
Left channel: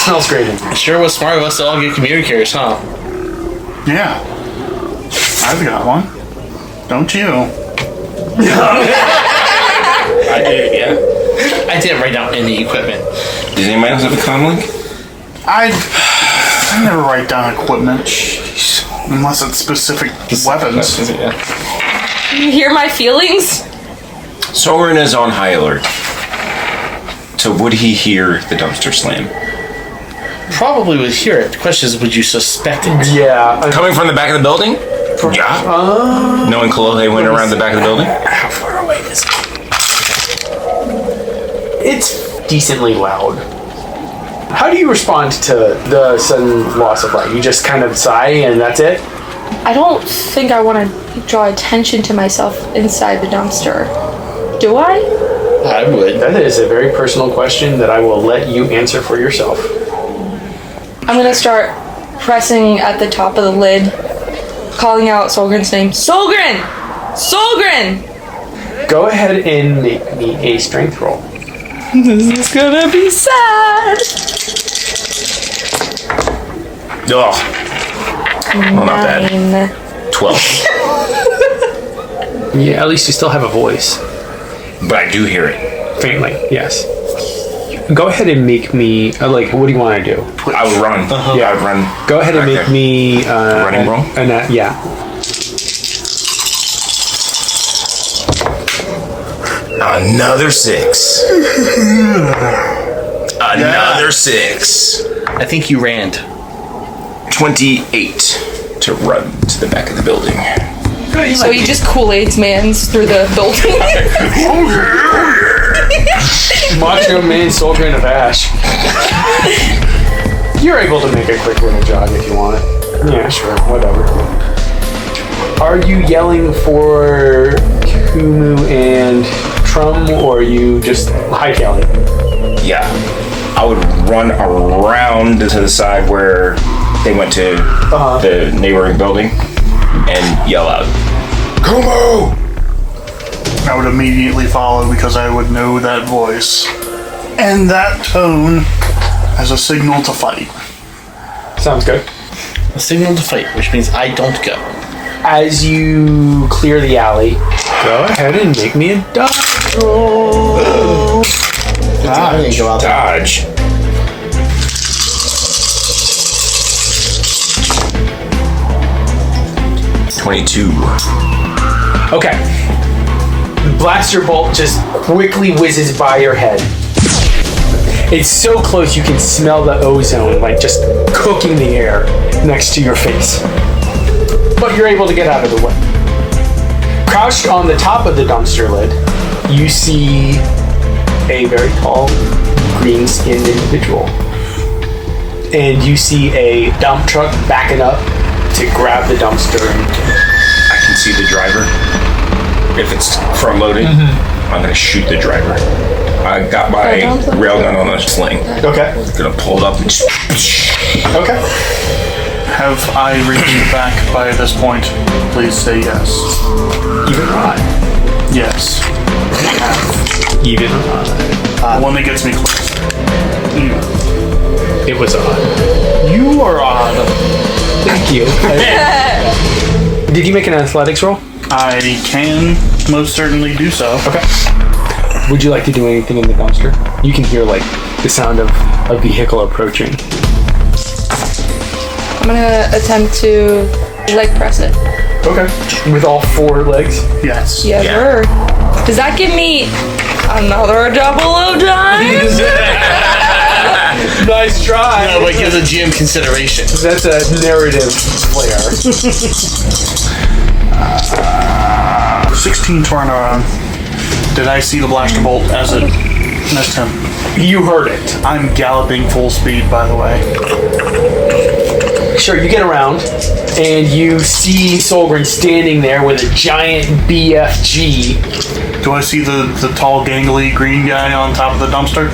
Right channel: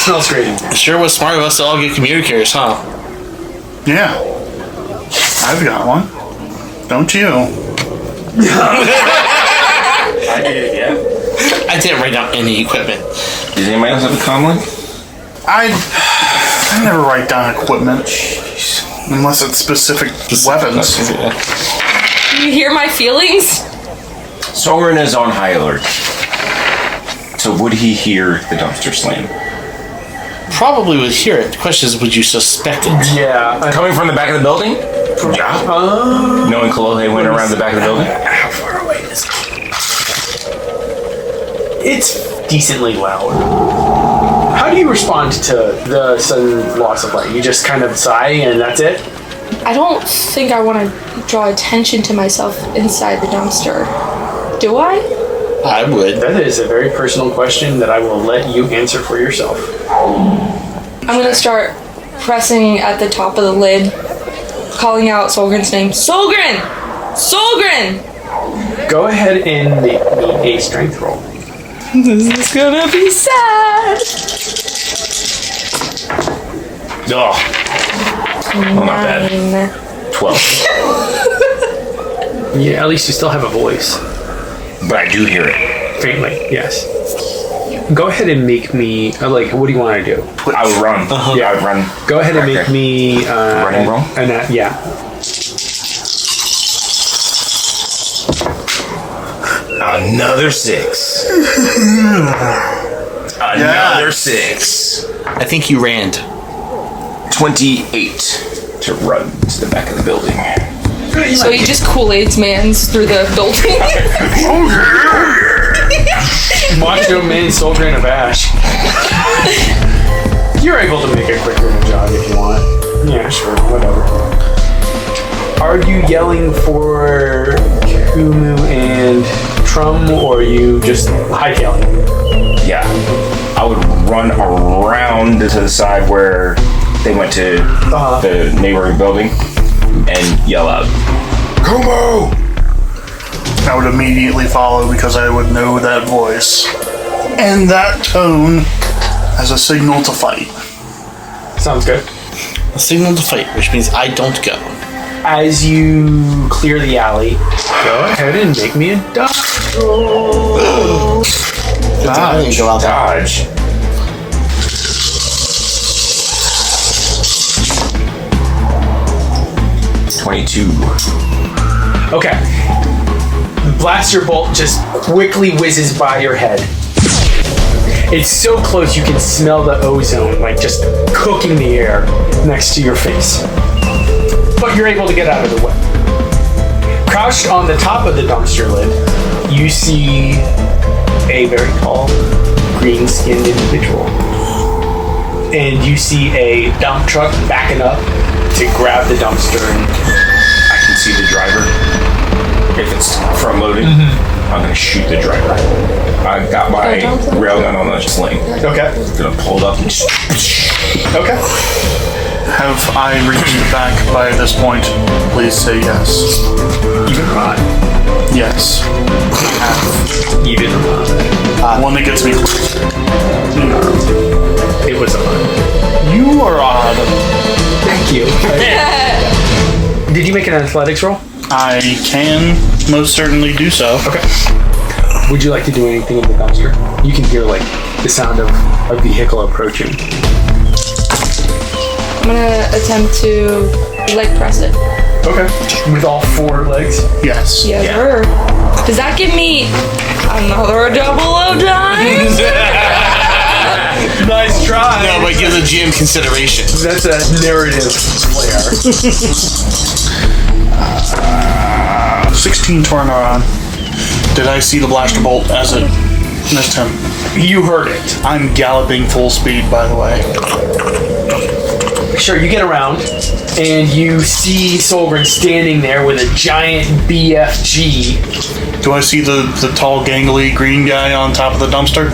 Smells great in here. It sure was smart of us to all get communicators, huh? Yeah. I've got one. Don't you? I did, yeah. I didn't write down any equipment. Does anybody else have a comlink? I never write down equipment. Jeez. Unless it's specific weapons. Yeah. You hear my feelings? Solgrin is on high alert. So would he hear the dumpster slam? Probably would hear it. The question is, would you suspect it? Yeah. Coming from the back of the building? Yeah. Knowing Kolohe went around the back of the building? How far away is it? It's decently loud. How do you respond to the sudden loss of light? You just kind of sigh and that's it? I don't think I want to draw attention to myself inside the dumpster. Do I? I would. That is a very personal question that I will let you answer for yourself. I'm going to start pressing at the top of the lid, calling out Solgrin's name. Solgrin! Solgrin! Go ahead and make me a strength roll. This is gonna be sad. Ugh. Well, not bad. 12. Yeah, at least you still have a voice. But I do hear it. Faintly, yes. Go ahead and make me, what do you want to do? I would run. Yeah, I would run. Go ahead and make me... running roll? Yeah. Another 6. Another 6. I think you ran. 28 to run to the back of the building. So he just Kool-Aid's mans through the building. Oh yeah! Macho Man Solgrin of Ash. You're able to make a quick range jog if you want. Yeah, sure, whatever. Are you yelling for Kumu and Trum, or are you just hightailing? Yeah. I would run around to the side where they went to the neighboring building and yell out, Kumu! I would immediately follow because I would know that voice and that tone as a signal to fight. Sounds good. A signal to fight, which means I don't go. As you clear the alley, go ahead and make me a dodge roll. Dodge. Go out there. Dodge. .22. Okay. The blaster bolt just quickly whizzes by your head. It's so close you can smell the ozone, just cooking the air next to your face. But you're able to get out of the way. Crouched on the top of the dumpster lid, you see a very tall, green-skinned individual. And you see a dump truck backing up to grab the dumpster. I can see the driver. If it's front loaded, I'm gonna shoot the driver. I got my railgun on a sling. Okay. Gonna pull it up and Okay. Have I reached the back by this point? Please say yes. Even rod. Yes. Even rod. One that gets me close. It was on. You are odd. Thank you. Did you make an athletics roll? I can most certainly do so. Okay. Would you like to do anything in the dumpster? You can hear the sound of a vehicle approaching. I'm gonna attempt to leg press it. Okay. With all 4 legs? Yes. Yes, sir. Does that give me another double of dimes? Nice try. No, but give the GM consideration. That's a narrative flair. 16 turnaround. Did I see the blaster bolt as it missed him? You heard it. I'm galloping full speed, by the way. Sure, you get around, and you see Solgrin standing there with a giant BFG. Do I see the tall, gangly green guy on top of the dumpster?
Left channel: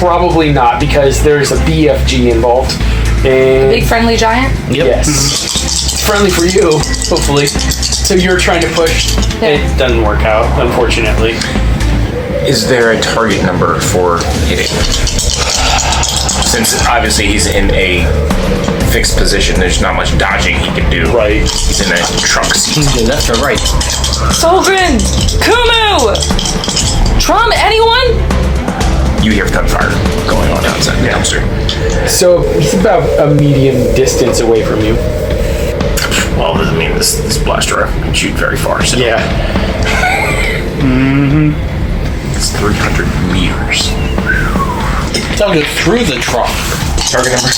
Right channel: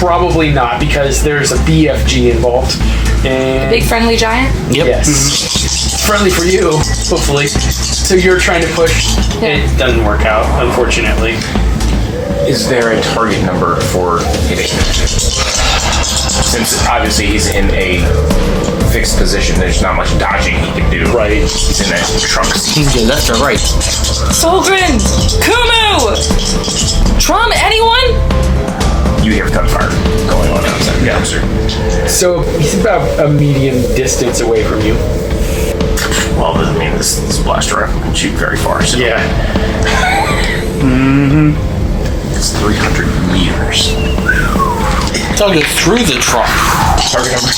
Probably not, because there's a BFG involved. And Big friendly giant? Yep. yes. It's friendly for you, hopefully. So you're trying to push. Yeah. It doesn't work out, unfortunately. Is there a target number for hitting? Since obviously he's in a fixed position, there's not much dodging he can do. Right. He's in a trunk seat. He's going left or right. Solgrin! Kumu! Trum, anyone? You hear gunfire going on outside the dumpster. So he's about a medium distance away from you. Well, I mean, this blaster rifle can shoot very far, so Yeah. it's 300 meters. I'll go through the truck. Target number?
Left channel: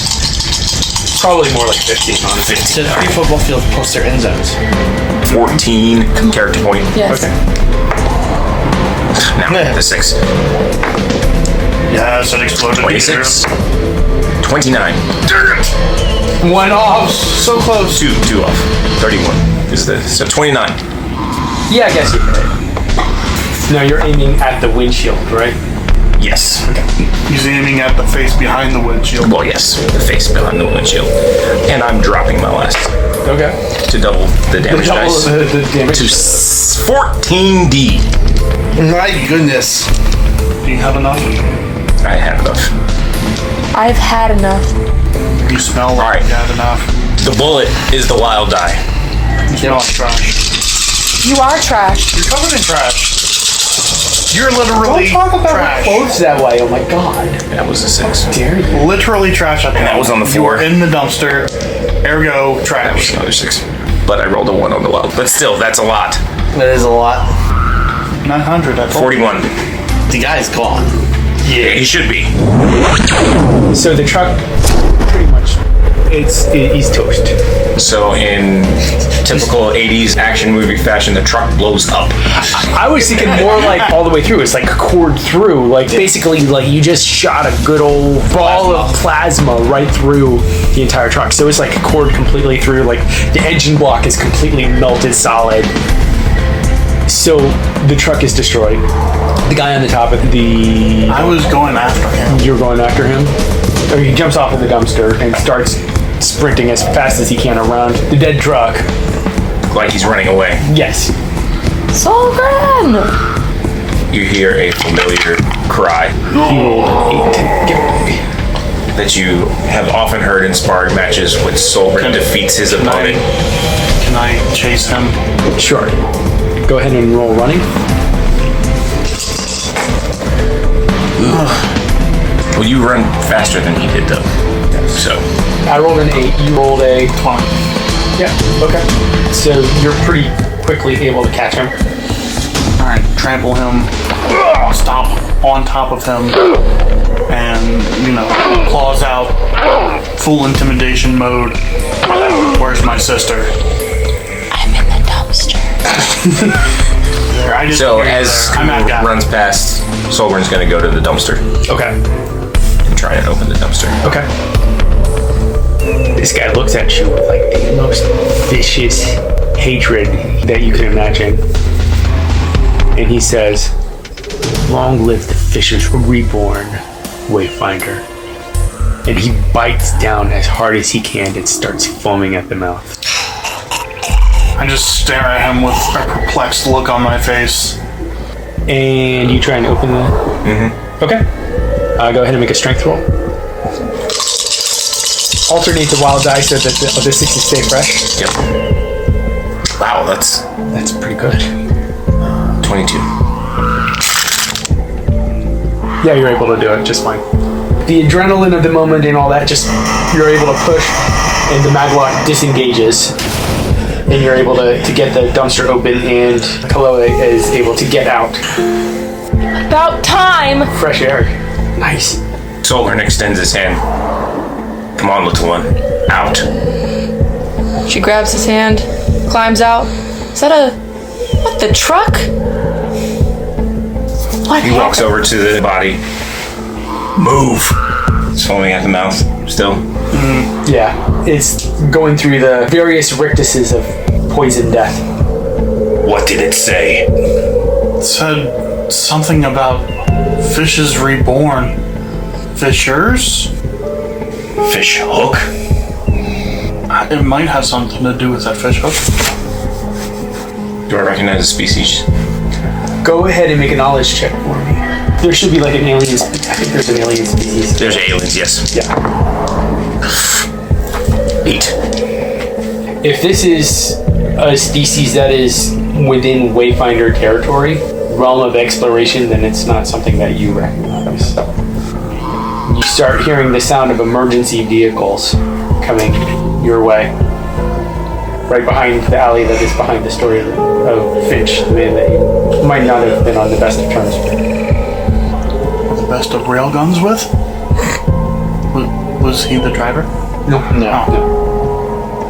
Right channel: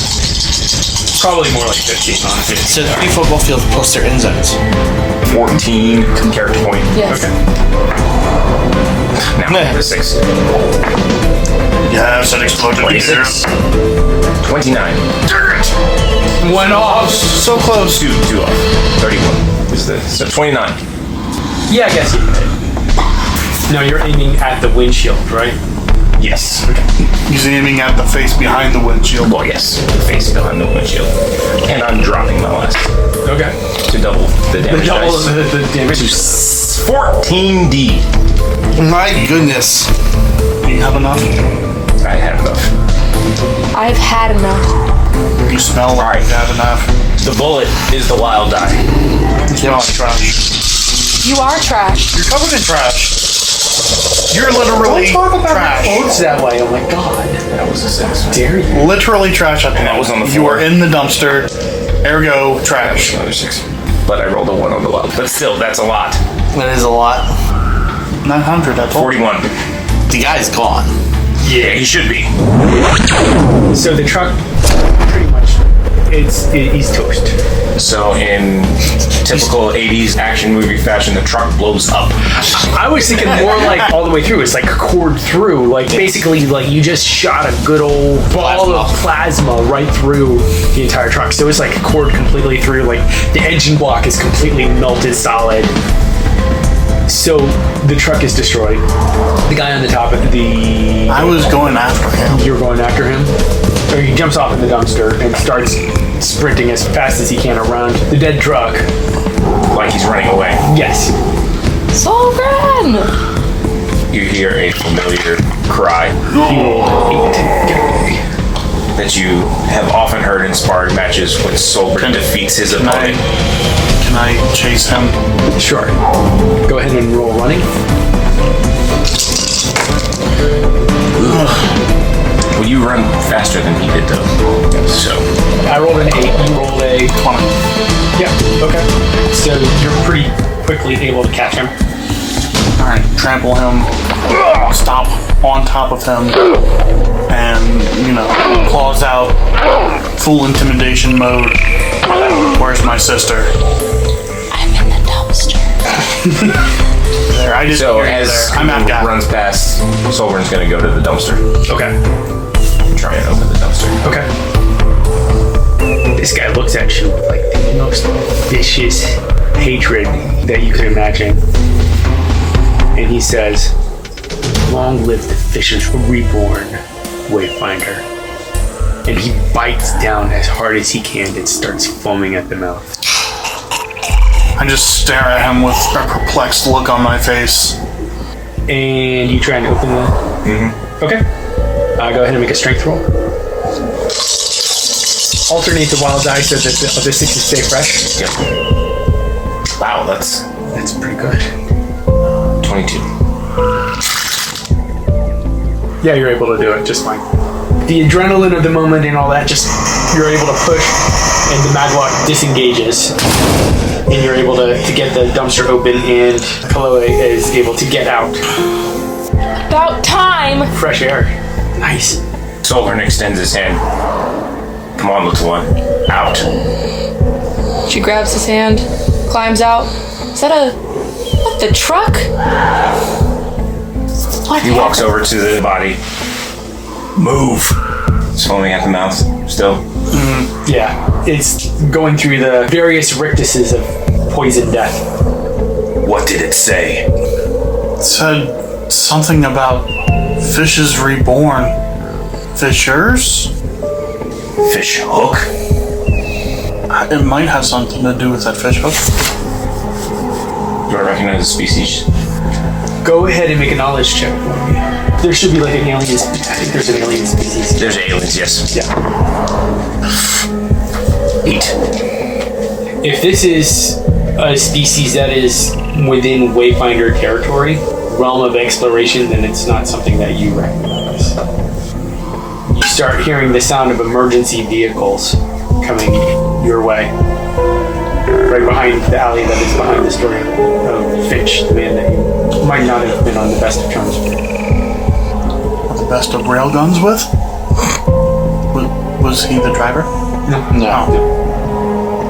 Probably more like 50. 15. So 3 football fields plus their end zones. 14 character point. Yes. Now, the 6. Yes, an explosion. 26. 29. One off. So close. Two off. 31. Is the so 29. Yeah, I guess you can. No, you're aiming at the windshield, right? Yes. He's aiming at the face behind the windshield. Well, yes, the face behind the windshield. And I'm dropping my last Okay. to double the damage Double dice. the damage. To 14D. My goodness. Do you have enough? I have enough. I've had enough. You smell like Alright. you had enough. The bullet is the wild die. You smell like trash. You are trash. You're covered in trash. You're literally Don't talk about trash. clothes that way. Oh my god. That was a 6. Dare you? Literally trash at the And that was on the You floor. were in the dumpster. Ergo, That was trash. another 6. But I rolled a 1 on the wild. But still, that's a lot. That is a lot. 900. That's 41. The guy's gone. Yeah, he should be. So the truck, pretty much, he's toast. So in typical 80s action movie fashion, the truck blows up. I was thinking more like all the way through. It's like cored through. Like basically, like you just shot a good old ball of plasma right through the entire truck. So it's like cored completely through. Like the engine block is completely melted solid. So the truck is destroyed. The guy on the top of the... I was going after him. You're going after him? Or he jumps off in the dumpster and starts sprinting as fast as he can around the dead truck. Like he's running away. Yes. Solgrin! You hear a familiar cry that you have often heard in sparring matches when Solgrin defeats his opponent. Can I chase him? Sure. Go ahead and roll running. Well, you run faster than he did, though. So I rolled an 8. You rolled a 20. Yeah. Okay. So you're pretty quickly able to catch him. Alright, trample him. Stop on top of him. And, claws out. Full intimidation mode. Where's my sister? I'm in the dumpster. There, I just So hear you as there. I'm at he that. runs past, Solgrin's going to go to the dumpster Okay. and try and open the dumpster. Okay. This guy looks at you with like the most vicious hatred that you could imagine. And he says, "Long live the Fisher's Reborn, Wayfinder." And he bites down as hard as he can and starts foaming at the mouth. I just stare at him with a perplexed look on my face. And you try and open the... Okay. Go ahead and make a strength roll. Alternate the wild die so that the 6s stay fresh. Yep. Wow, that's Pretty good. 22. Yeah, you're able to do it just fine. The adrenaline of the moment and all that, just you're able to push, and the maglock disengages. and you're able to get the dumpster open, and Kolohe is able to get out. About time! Fresh air. Nice. Solgrin extends his hand. Come on, little one. Out. She grabs his hand, climbs out. Is that what, the truck? What? He walks over to the body. Move. It's foaming at the mouth still. Yeah, it's going through the various rictuses of poison death. What did it say? It said something about fishes reborn. Fishers? Fish hook? It might have something to do with that fish hook. Do I recognize the species? Go ahead and make a knowledge check for me. There should be like an alien. I think there's an alien species. There's aliens, yes. Yeah. 8. If this is a species that is within Wayfinder territory, realm of exploration, then it's not something that you recognize. You start hearing the sound of emergency vehicles coming your way. Right behind the alley that is behind the story of Finch, the man that you might not have been on the best of terms with. The best of railguns with? Was he the driver? No.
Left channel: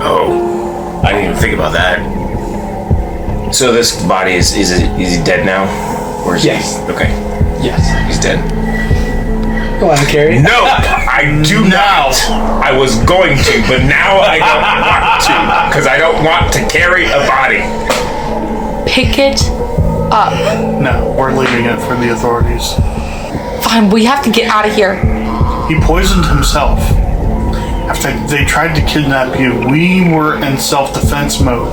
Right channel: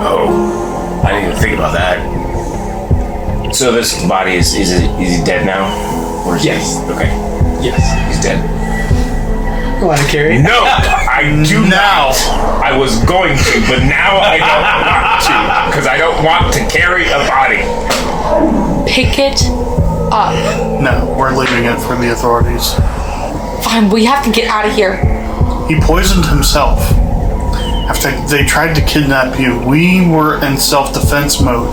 Oh, I didn't even think about that. So this body is he dead now? Or is Yes. he? Okay. Yes. He's dead. You want to carry? No, I do not. I was going to, but now I don't want to, because I don't want to carry a body. Pick it up. No, we're leaving it for the authorities. Fine, we have to get out of here. He poisoned himself. After they tried to kidnap you, we were in self-defense mode.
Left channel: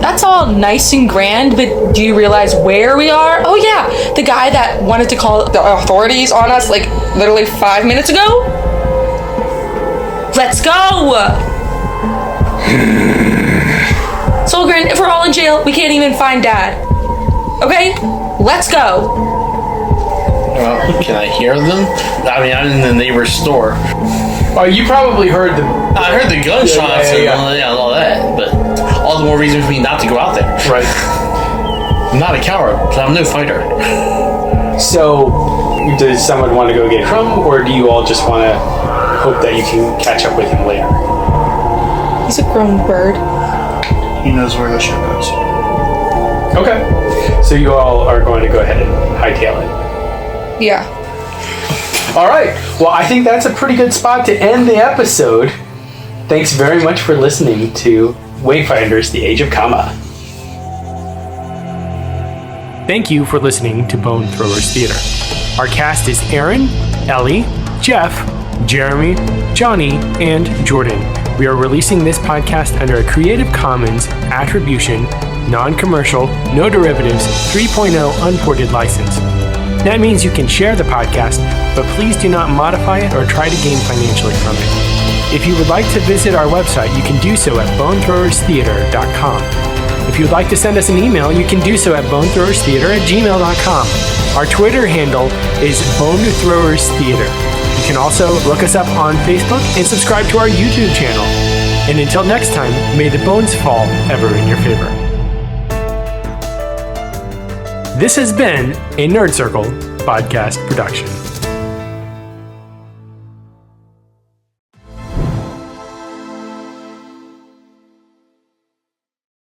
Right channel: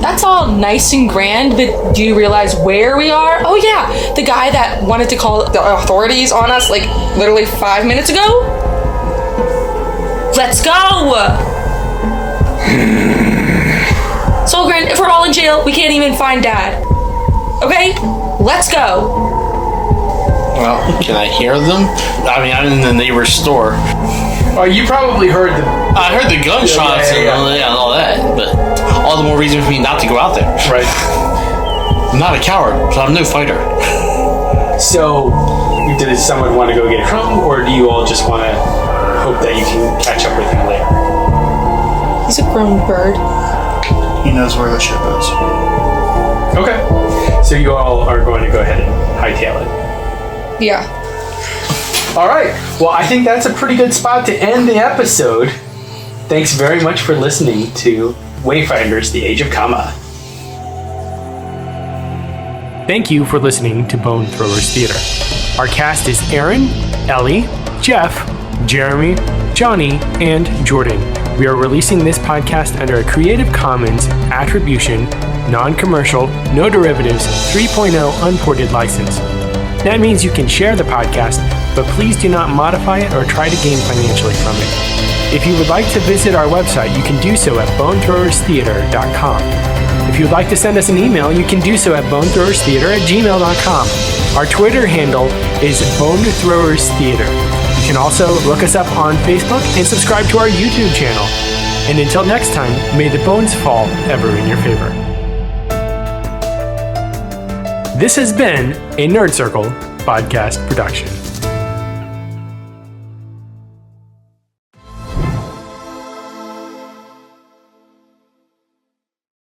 That's all nice and grand, but do you realize where we are? Oh yeah, the guy that wanted to call the authorities on us like literally 5 minutes ago? Let's go! Solgrin, if we're all in jail, we can't even find Dad. Okay? Let's go! Well, can I hear them? I mean, I'm in the neighbor's store. You probably heard the... I heard the gunshots and all that, but all the more reason for me not to go out there. Right. I'm not a coward, so I'm no fighter. So, does someone want to go get Trum, or do you all just want to hope that you can catch up with him later? He's a grown bird. He knows where the ship is. Okay. So you all are going to go ahead and hightail it. Yeah. All right. Well, I think that's a pretty good spot to end the episode. Thanks very much for listening to Wayfinders: The Age of Kama. Thank you for listening to Bone Throwers Theater. Our cast is Aaron, Ellie, Jeff, Jeremy, Johnny, and Jordan. We are releasing this podcast under a Creative Commons Attribution, Non-Commercial, No Derivatives 3.0 Unported license. That means you can share the podcast, but please do not modify it or try to gain financially from it. If you would like to visit our website, you can do so at bonethrowerstheater.com. If you would like to send us an email, you can do so at bonethrowerstheater@gmail.com. Our Twitter handle is bonethrowerstheater. You can also look us up on Facebook and subscribe to our YouTube channel. And until next time, may the bones fall ever in your favor. This has been a Nerd Circle podcast production.